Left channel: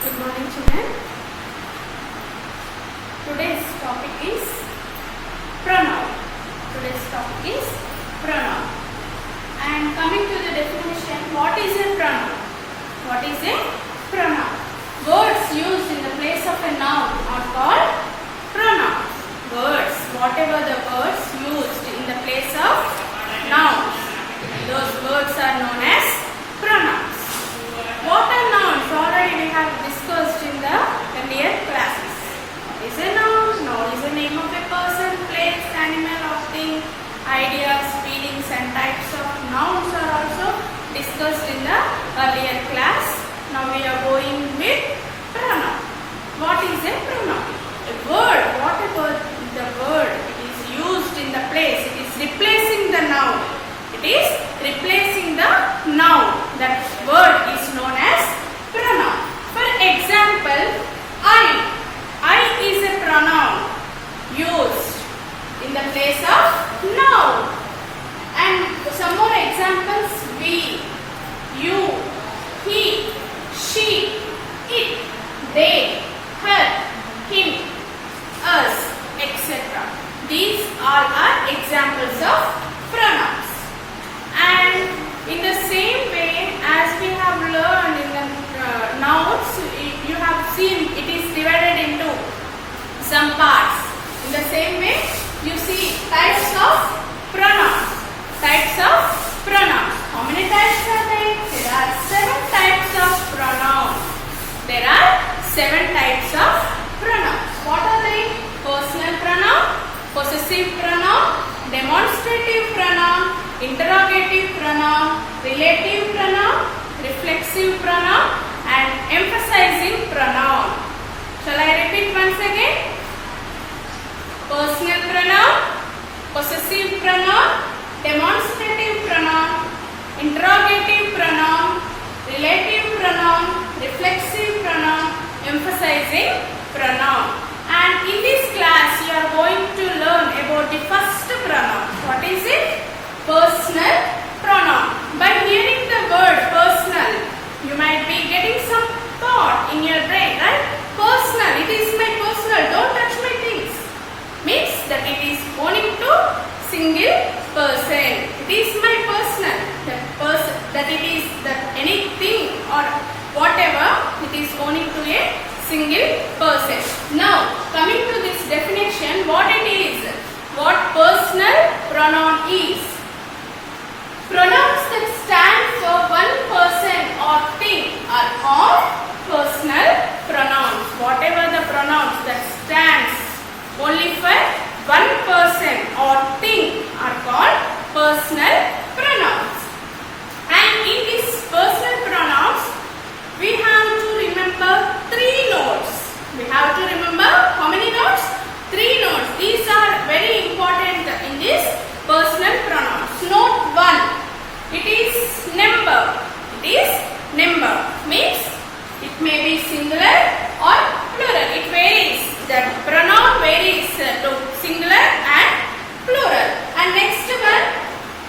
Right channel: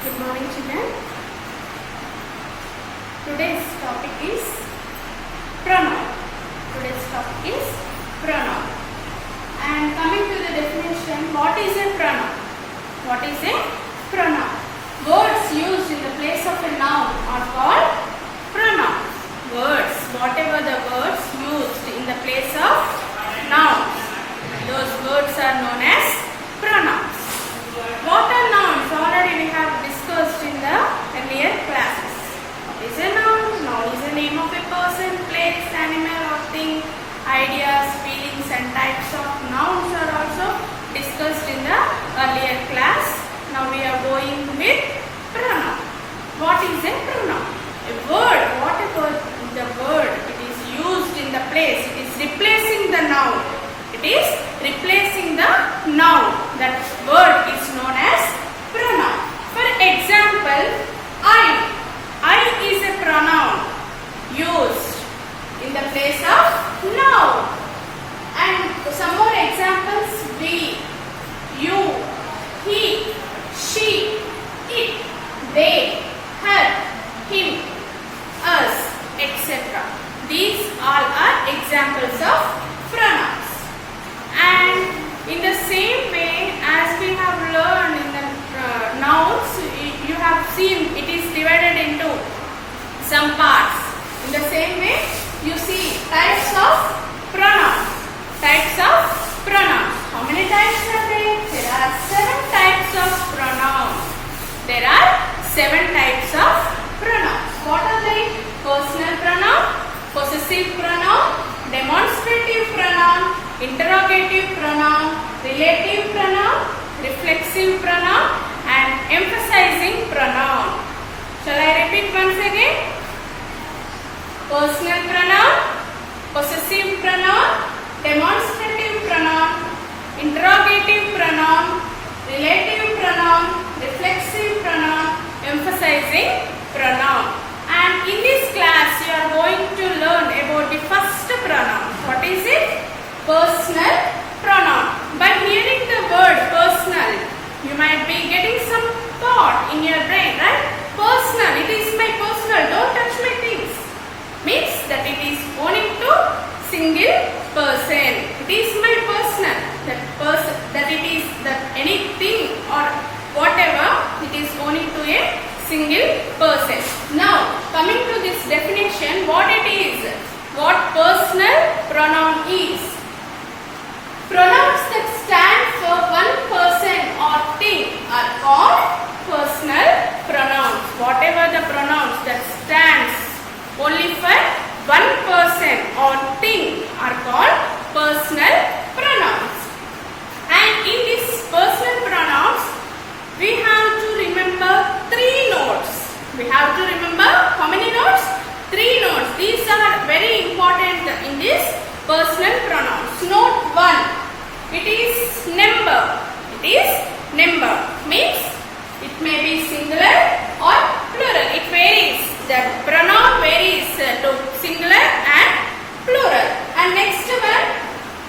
Good morning, children. Today's topic is pronoun. And coming to the definition, what is a pronoun? Words used in the place of a noun are called pronouns. Whatever the words used in the place of nouns, those words are known as pronouns. What are nouns? Already we have discussed in the earlier classes. What is a noun? Noun is the name of a person, place, animal or thing. Ideas, feelings and types of nouns are also discussed in the earlier class. Now we are going with pronoun. What is a pronoun? A word, whatever the word, it is used in the place, it is replacing the noun. That word is known as pronoun. For example, I is a pronoun used in the place of noun. And some more examples: we, you, he, she, it, they, her, him, us, etc. These all are examples of pronouns. And in the same way as we have learned in the nouns, you have seen it is divided into some parts. In the same way, you see types of pronouns. How many types are there? There are 7 types of pronouns. What are they? Personal pronoun, possessive pronoun, demonstrative pronoun, interrogative pronoun, relative pronoun, reflexive pronoun and emphasizing pronoun. Shall I repeat once again? Personal pronoun, possessive pronoun, demonstrative pronoun, interrogative pronoun, relative pronoun, reflexive pronoun, emphasizing pronoun. And in this class you are going to learn about the first pronoun. What is it? Personal pronoun. By hearing the word personal, you might be getting some thought in your brain, right? Personal, it is my personal, don't touch my things. Means that it is owning to single person. It is my personal. That it is that anything or whatever, it is owning to a single person. Now, coming to this definition, what it is? What personal pronoun is? Pronouns that stand for one person or thing are called personal pronouns. Whatever the pronouns that stands only for one person or thing are called personal pronouns. And in these personal pronouns, we have to remember 3 notes. We have to remember how many notes? 3 notes. These are very important in this personal pronouns. Note 1. It is number. Means it may be singular or plural. It varies. The pronoun varies to singular and plural. And next one,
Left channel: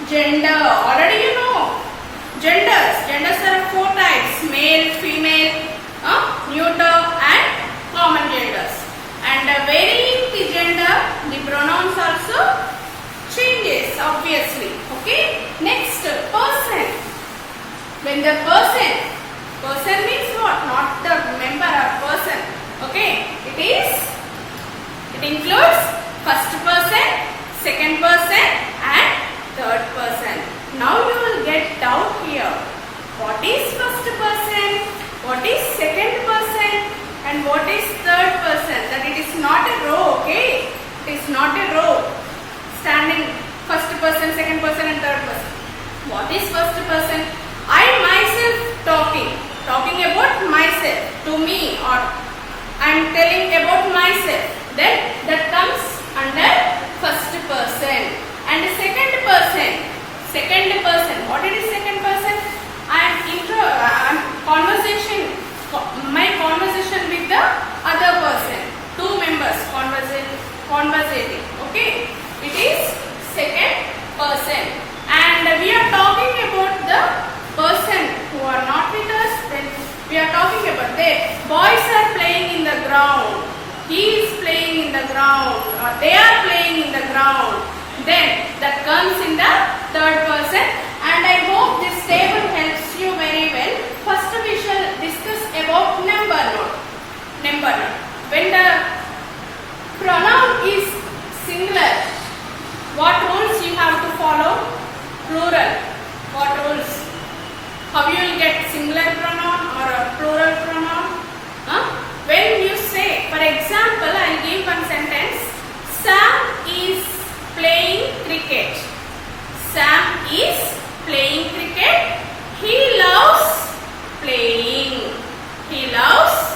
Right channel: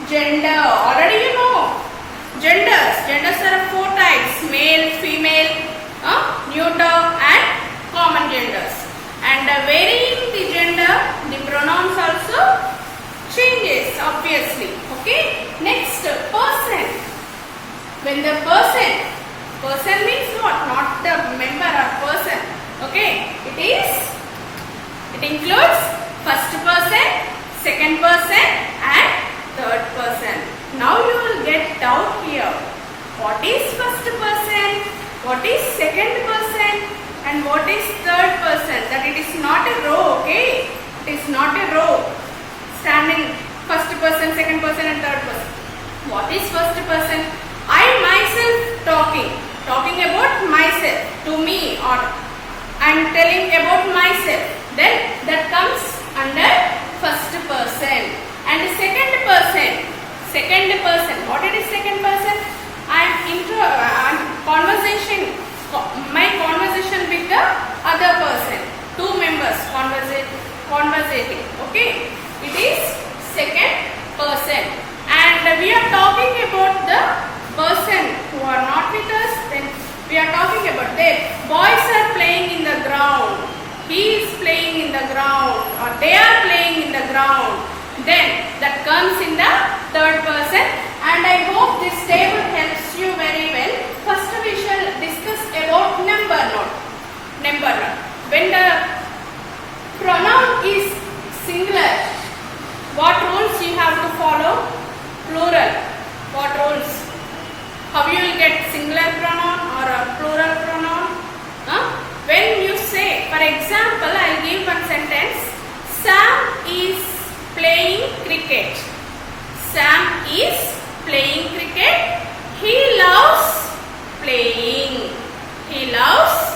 gender. Already you know. Genders are 4 types: male, female, neuter and common genders. And varying the gender, the pronouns also changes obviously. Okay. Next, person. When the person means what? Not the member or person. Okay. It includes first person, second person and third person. Now you will get doubt here. What is first person? What is second person? And what is third person? That it is not a row, okay? It is not a row. Standing first person, second person and third person. What is first person? I myself talking about myself to me, or I am telling about myself. Then that comes under first person. And second person. What is second person? I am conversation. My conversation with the other person. 2 members conversating. Okay. It is second person. And we are talking about the person who are not with us. Then We are talking about there. Boys are playing in the ground. He is playing in the ground, or they are playing in the ground. Then that comes in the third person, and I hope this table helps you very well. First we shall discuss about number note. Number note. When the pronoun is singular, what rules you have to follow? Plural. What rules? How you will get singular pronoun or a plural pronoun? When you say, for example, I will give one sentence. Sam is playing cricket. Sam is playing cricket. He loves playing. He loves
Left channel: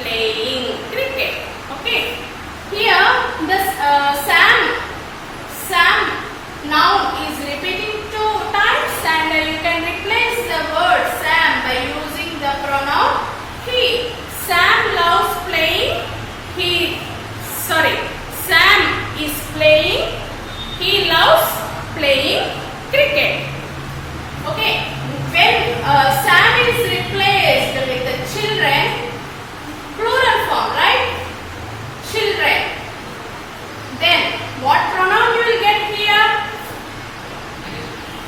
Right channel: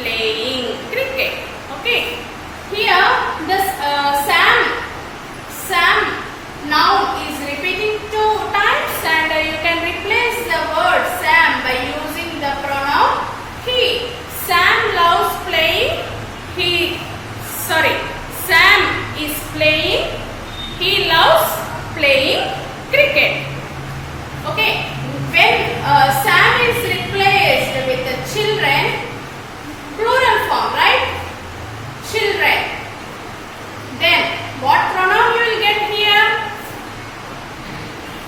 playing cricket. Okay. Here, this Sam noun is repeating 2 times, and you can replace the word Sam by using the pronoun he. Sam loves playing. Sam is playing. He loves playing cricket. Okay. When Sam is replaced with the children, plural form, right? Children. Then what pronoun you will get here?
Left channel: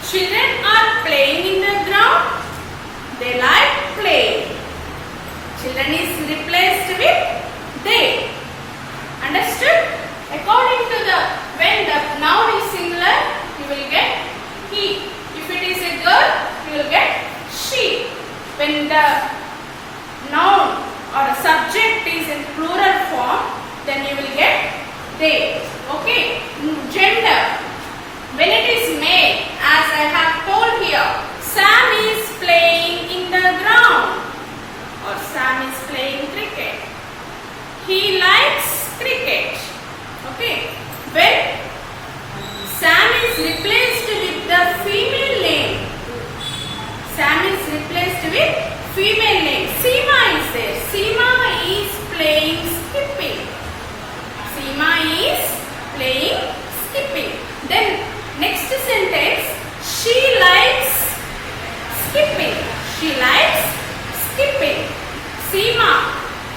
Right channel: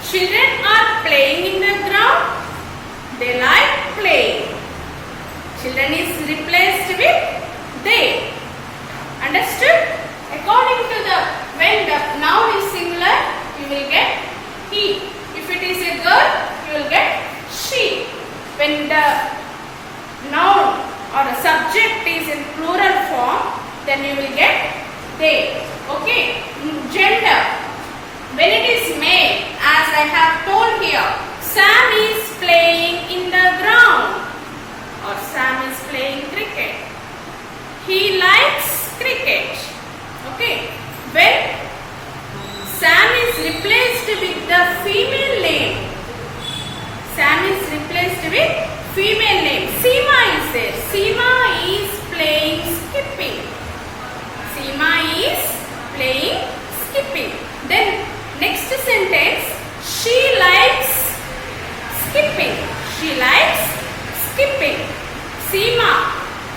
Children are playing in the ground. They like playing. Children is replaced with they. Understood? According to when the noun is singular, you will get he. If it is a girl, you will get she. When the noun or the subject is in plural form, then you will get they. Okay. Gender. When it is male, as I have told here, Sam is playing in the ground, or Sam is playing cricket. He likes cricket. Okay. When Sam is replaced with the female name, Sam is replaced with female name. Seema is there. Seema is playing skipping. Seema is playing skipping. Then next sentence, she likes skipping. She likes skipping. Seema,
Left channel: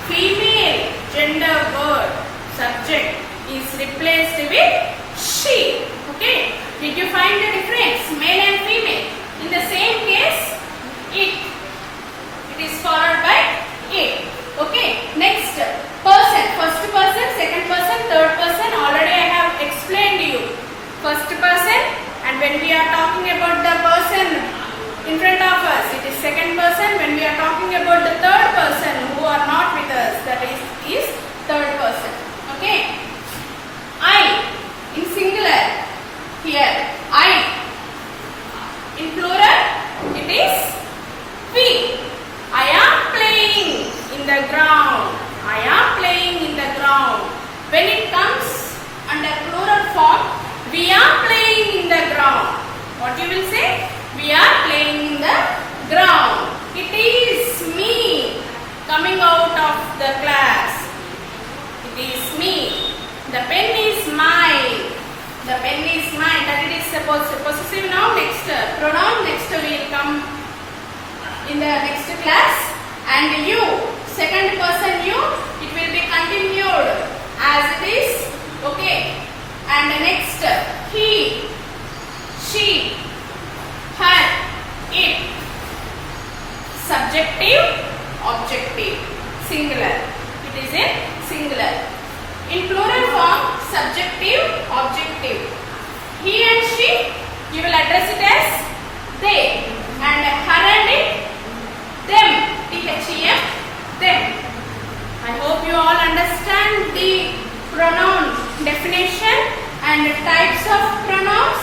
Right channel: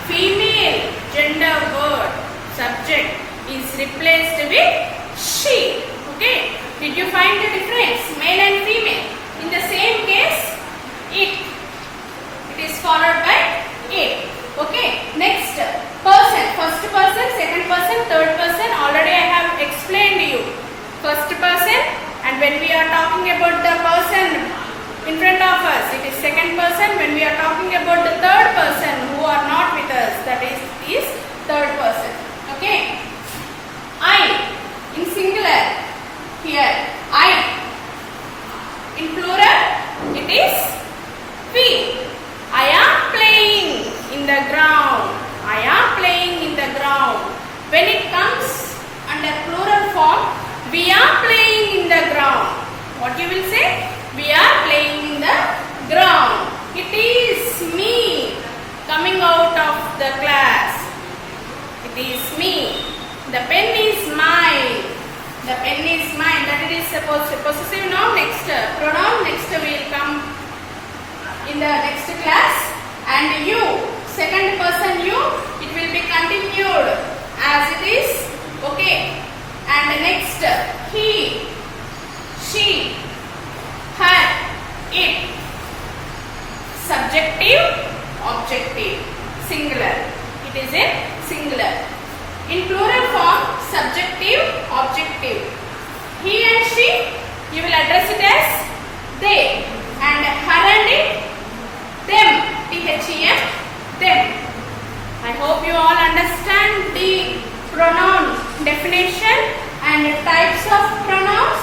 female gender word, subject is replaced with she. Okay. Did you find the difference? Male and female. In the same case, it is followed by it. Okay. Next, person. First person, second person, third person. Already I have explained to you. First person, and when we are talking about the person in front of us, it is second person. When we are talking about the third person who are not with us, that is third person. Okay. I in singular. Here I. In plural, it is we. I am playing in the ground. I am playing in the ground. When it comes under plural form, we are playing in the ground. What you will say? We are playing in the ground. It is me coming out of the class. It is me. The pen is mine. The pen is mine. That it is supposed to possessive noun. Next pronoun. Next will come in the next class. And you, second person you, it will be continued as it is. Okay. And next, he, she, her, it. Subjective, objective, singular. It is a singular. In plural form, subjective, objective. He and she, you will address it as they. And her and it, them. T-H-E-M, them. I hope you all understand the pronoun definition and types of pronouns.